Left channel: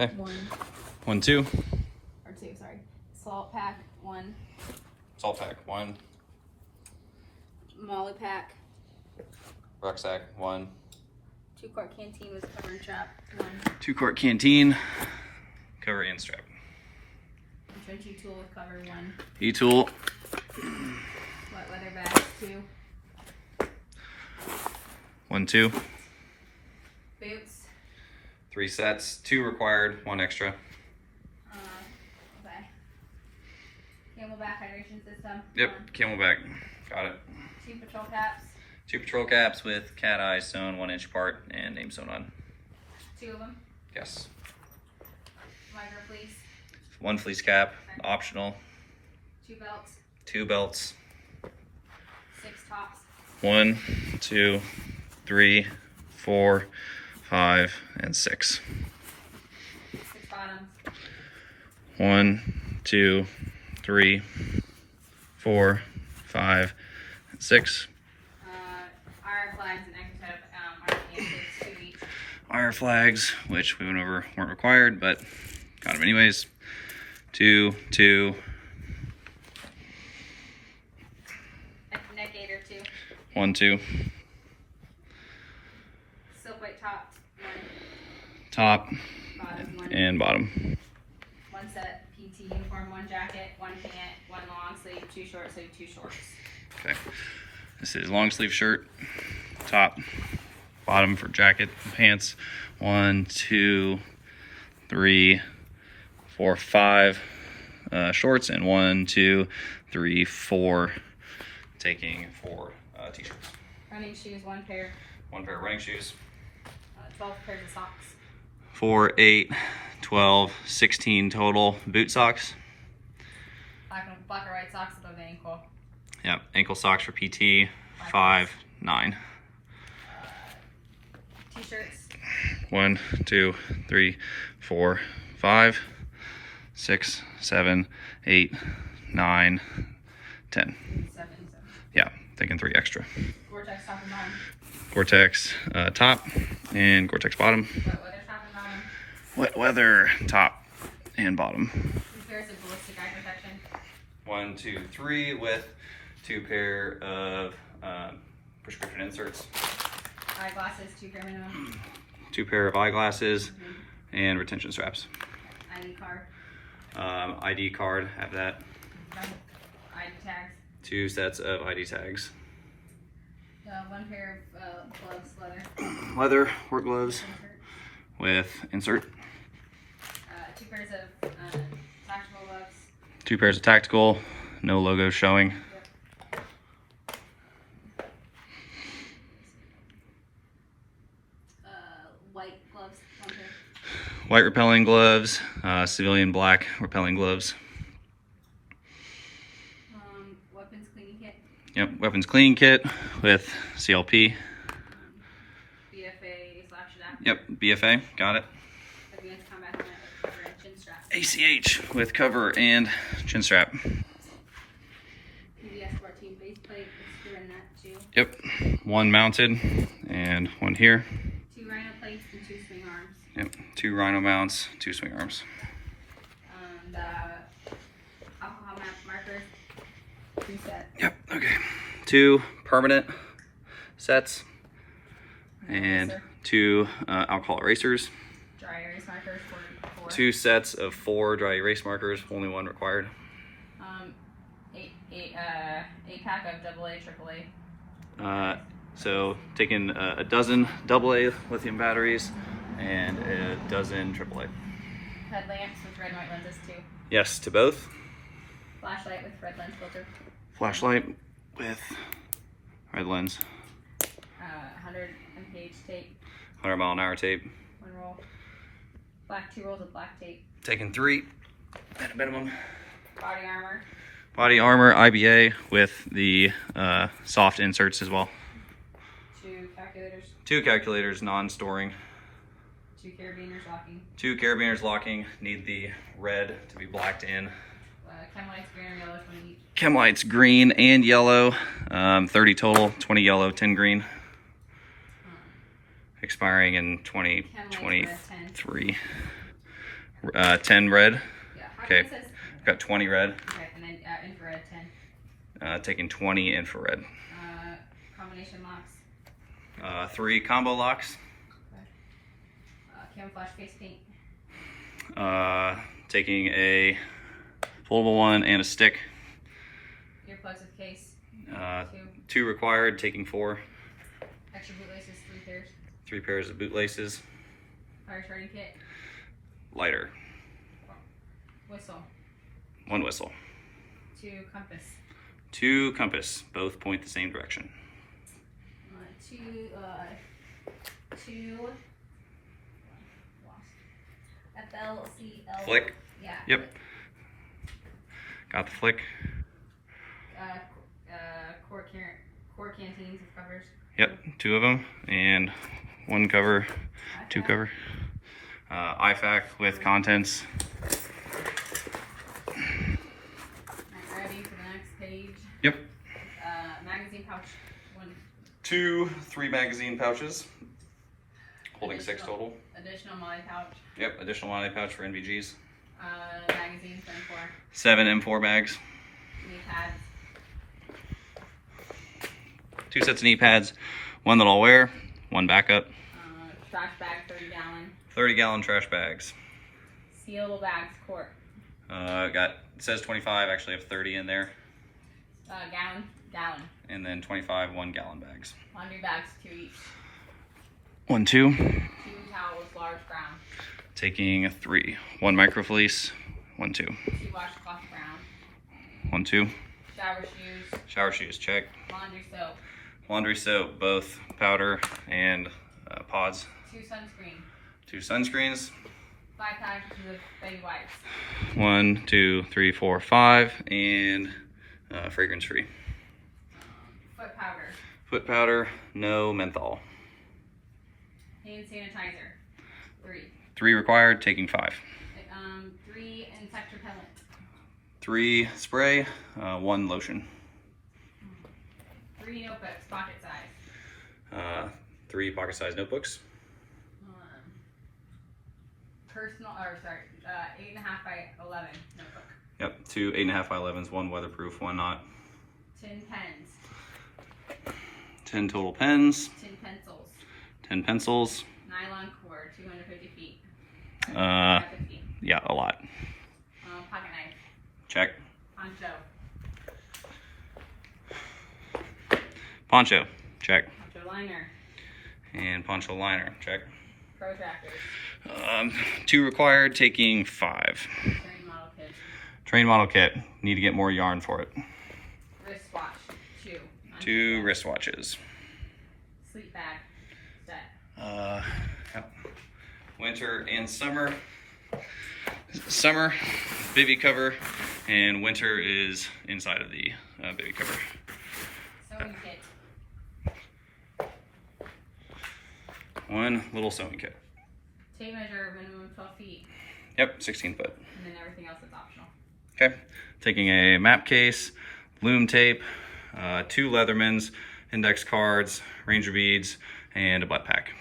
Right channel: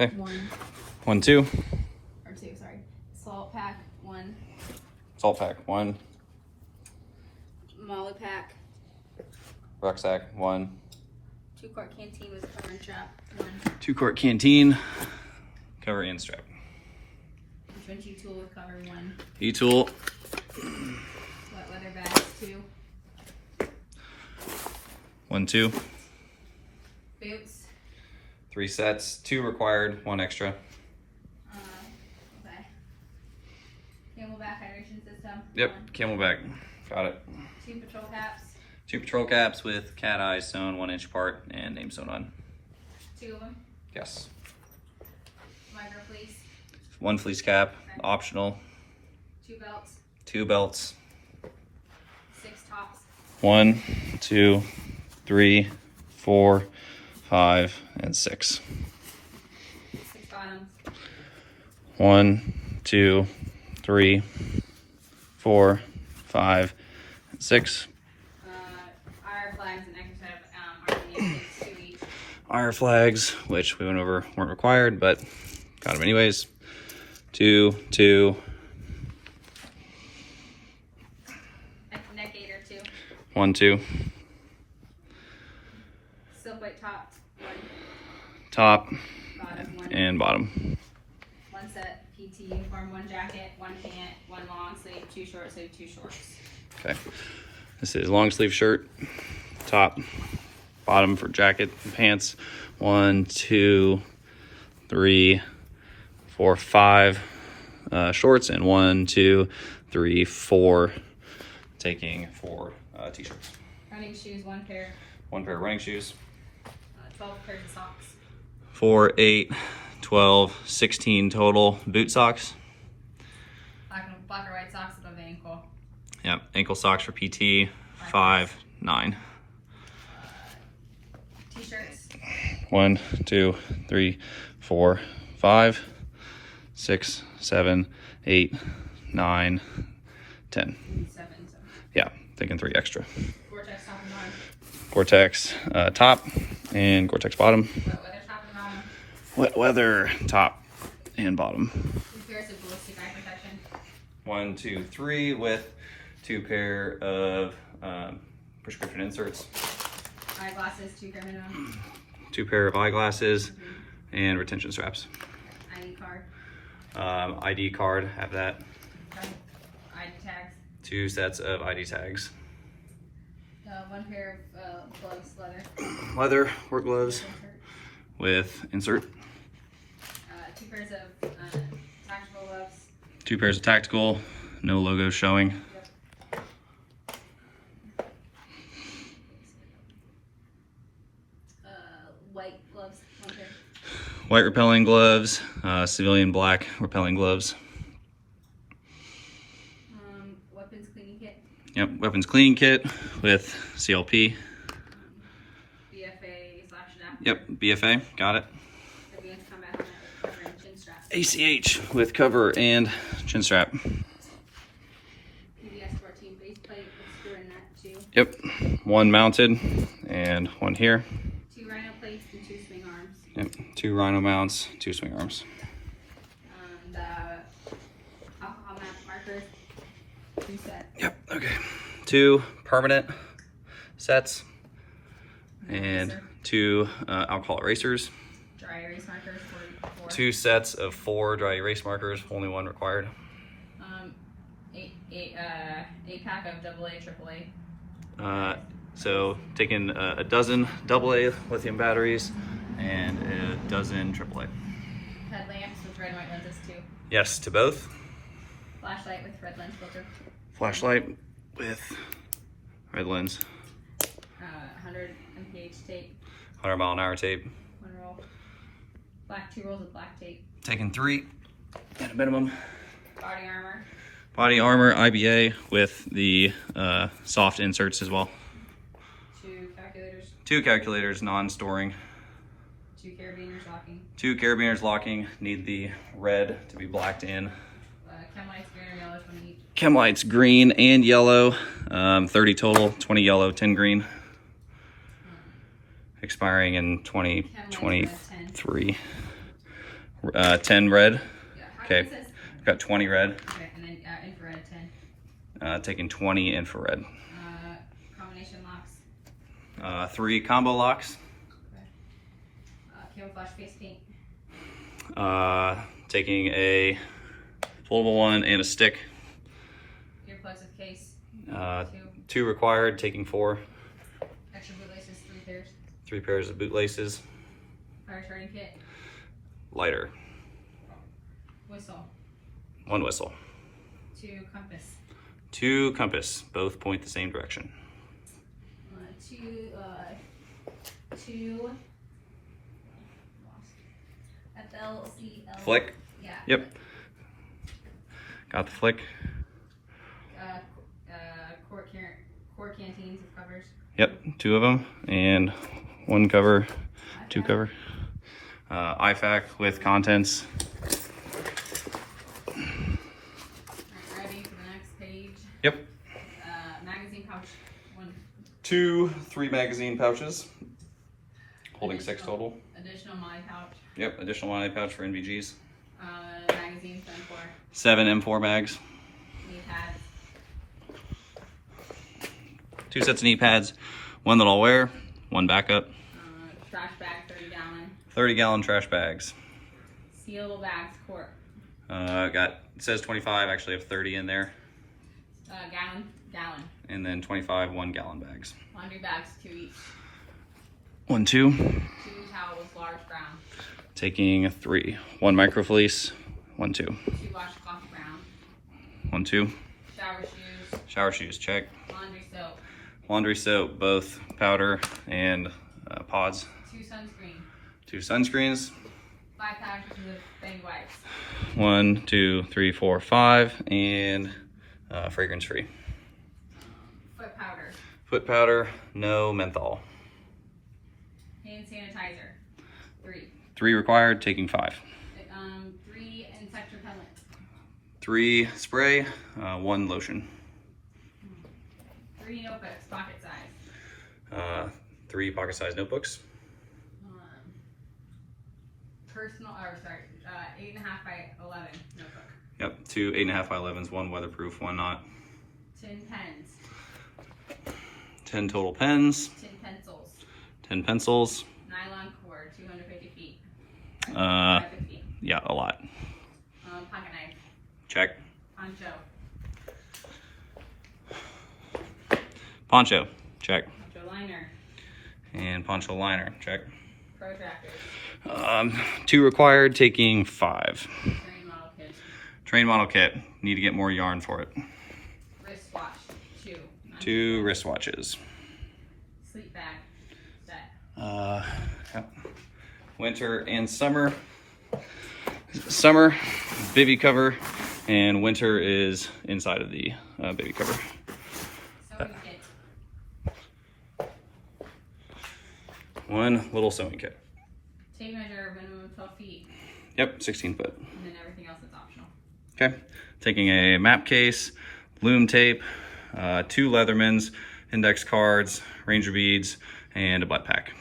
Okay. One. 1, 2. Or two, sorry. Salt pack, one. Salt pack, 1. Molly pack. Rucksack, 1. 2-quart canteen with cover and strap, one. 2-quart canteen, cover and strap. Trench tool with cover, one. E-tool. Wet weather bags, 2. 1, 2. Boots. 3 sets, 2 required, 1 extra. Okay. Camelback hydration system. Yep, 1. Camelback. Got it. 2 patrol caps. 2 patrol caps with cat eye sewn 1 inch apart and name sewn on. 2 of them. Yes. Micro fleece. 1 fleece cap, optional. 2 belts. 2 belts. 6 tops. 1, 2, 3, 4, 5, and 6. 6 bottoms. 1, 2, 3, 4, 5, 6. IR flags and extra set of RDA 2 each. IR flags, which we went over weren't required, but got them anyways. 2, 2. Neck gaiter 2. 1, 2. Silk white top. 1. Top Bottom 1. and bottom. 1 set PT uniform, 1 jacket, 1 pant, 1 long sleeve, 2 short sleeve, 2 shorts. Okay. This is long sleeve shirt, top, bottom for jacket and pants. 1, 2, 3, 4, 5 shorts, and 1, 2, 3, 4 taking 4 t-shirts. Running shoes, 1 pair. 1 pair of running shoes. 12 pairs of socks. 4, 8, 12, 16 total boot socks. Black or white socks above the ankle. Yep, ankle socks for PT, 5, 9. T-shirts. 1, 2, 3, 4, 5, 6, 7, 8, 9, 10. 7. Yeah, thinking 3 extra. Gore-Tex top and bottom. Gore-Tex top and Gore-Tex bottom. Wet weather top and bottom. Wet weather top and bottom. 2 pairs of ballistic eye protection. 1, 2, 3 with 2 pair of prescription inserts. Eyeglasses, 2 pair minimum. 2 pair of eyeglasses and retention straps. ID card. ID card, have that. ID tags. 2 sets of ID tags. 1 pair of gloves, leather. Leather work gloves Insert. with insert. 2 pairs of tactical gloves. 2 pairs of tactical, no logos showing. White gloves. 1 pair. White repelling gloves, civilian black repelling gloves. Weapons cleaning kit. Yep, weapons cleaning kit with CLP. BFA/adapter. Yep, BFA, got it. Advanced combat helmet with cover and chin strap. ACH with cover and chin strap. PBS 14 base plate with screw in that too. Yep, 1 mounted and 1 here. 2 rhino plates and 2 swing arms. Yep, 2 rhino mounts, 2 swing arms. And alcohol map markers. 2 sets. Yep, okay. 2 permanent sets and 2 alcohol erasers. Dry erase markers for 4. 2 sets of 4 dry erase markers, only 1 required. 8 pack of AA, AAA. So taking a dozen AA lithium batteries and a dozen AAA. Headlamps with red and white lenses too. Yes, to both. Flashlight with red lens filter. Flashlight with red lens. 100 mph tape. 100 mile an hour tape. 1 roll. 2 rolls of black tape. Taking 3 at a minimum. Body armor. Body armor, IBA with the soft inserts as well. 2 calculators. 2 calculators, non-storing. 2 carabiners locking. 2 carabiners locking. Need the red to be blacked in. Chem lights green or yellow, 20 each. Chem lights green and yellow. 30 total, 20 yellow, 10 green. Expiring in 2023. 10 red. Yeah. How Okay. many is this? I've got 20 red. Okay, and then infrared 10. Taking 20 infrared. Combination locks. 3 combo locks. Camouflage face paint. Taking a foldable one and a stick. Earplugs with case. 2 required, taking 4. Extra boot laces, 3 pairs. 3 pairs of boot laces. Fire starting kit. Lighter. Whistle. 1 whistle. 2 compass. 2 compass. Both point the same direction. 2 FLCL. Flick. Yeah. Yep. Got the flick. Core canteens with covers. Yep, 2 of them and 1 cover, 2 cover. IFAC with contents. Ready for the next page. Yep. Magazine pouch. 3 magazine pouches, holding 6 total. Additional Molly pouch. Yep, additional money pouch for NVGs. Magazine for M4. 7 M4 bags. Knee pads. 2 sets of knee pads, 1 that I'll wear, 1 backup. Trash bag, 30 gallon. 30-gallon trash bags. Sealable bags, quart. It says 25, actually have 30 in there. Gallon. And then 25 1-gallon bags. Laundry bags, 2 each. 1, 2. 2 towels, large brown. Taking 3. 1 micro fleece, 1, 2. 2 washcloth brown. 1, 2. Shower shoes. Shower shoes, check. Laundry soap. Laundry soap, both powder and pods. 2 sunscreen. 2 sunscreens. 5 packages of baby wipes. 1, 2, 3, 4, 5, and fragrance free. Foot powder. Foot powder, no menthol. Hand sanitizer. 3. 3 required, taking 5. 3 insect repellent. 3 spray, 1 lotion. 3 notebooks, pocket size. 3 pocket sized notebooks. Personal, 8.5 by 11 notebook. Yep, 2 8.5 by 11s, 1 weatherproof, 1 not. 10 pens. 10 total pens. 10 pencils. 10 pencils. Nylon cord, 250 feet. Uh, 250. Yeah, a lot. Pocket knife. Check. Poncho. Poncho, check. Poncho liner. And poncho liner, check. Protractors. 2 required, taking 5. Train model kit. Train model kit, need to get more yarn for it. Wristwatch. 2. 2 wristwatches. Sleep bag. Set. Yep. Winter and summer. Summer, bivy cover, and winter is inside of the bivy cover. Sewing kit. 1 little sewing kit. Tape measure, minimum of 12 feet. Yep, 16 foot. And then everything else is optional. Okay, taking a map case, loom tape, 2 Leathermans, index cards, ranger beads, and a butt pack.